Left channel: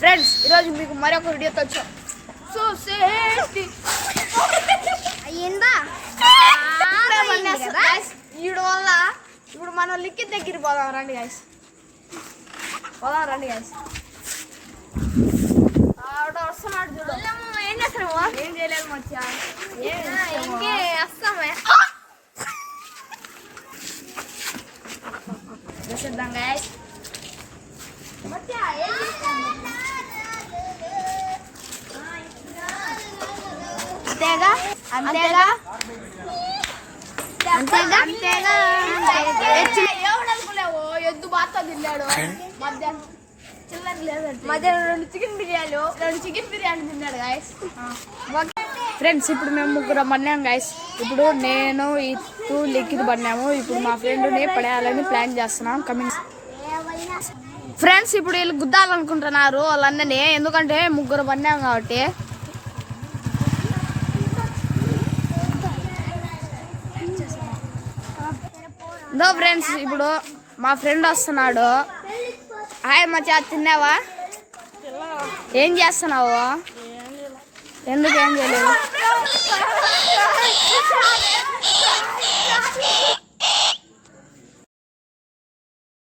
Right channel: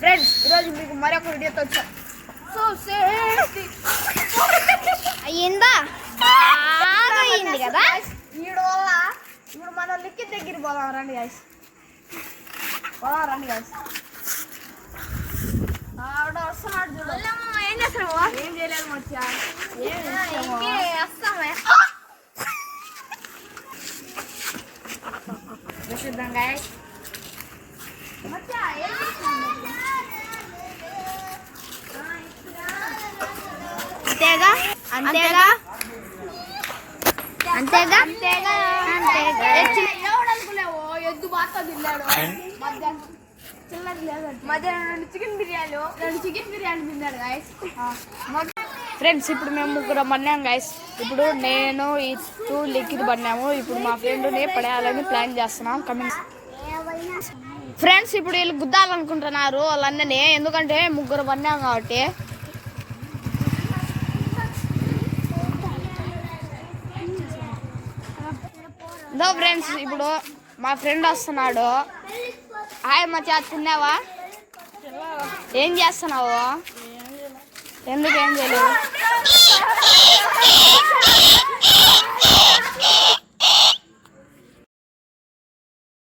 Friends ఈరోజు మీకు మరొక వీడియోతో వచ్చాం. సో అయ్యిందా కదా వీడి వల్ల ఇప్పుడు మనం లిక్కి దగ్గర పోదాం రండి గైస్. వస్తున్నాడు ఏం చేస్తాడు? ఏం చేయలేదు మచ్చా. చేద్దాం గైస్. అంతేగా అంతేగా అంతేగా అంతేగా ఎవడనుకున్నావు ఎద్దు బాగా తిన్నాడు. మధ్యాహ్నం చికెన్ బిర్యానీ తిన్నాడు గైస్. ఫ్రెండ్స్ ఇప్పుడు మేము ముగ్గురు పడినాం గైస్. ఇప్పుడు నేను ఇటు లిక్కిది పడినాము. ఇప్పుడు మా ఫ్రెండ్ని పడేయాలని ప్లాన్ చేస్తున్నాం. కమింగ్ ఫ్రెండ్స్ ఇప్పుడు వీళ్ళు గుద్దాలనుకుంటున్నారు వాళ్ళందరినీ, ఎందుకంటే ముగ్గురు పడినాం కాబట్టి. దో ఫ్రెండ్స్ ఇప్పుడు మా ఫ్రెండ్ వస్తున్నాడు. హాయ్ మచ్చా, తిన్నావా? ఏం చేస్తున్నావు? ఎందుకు ఏం చేయలేదు?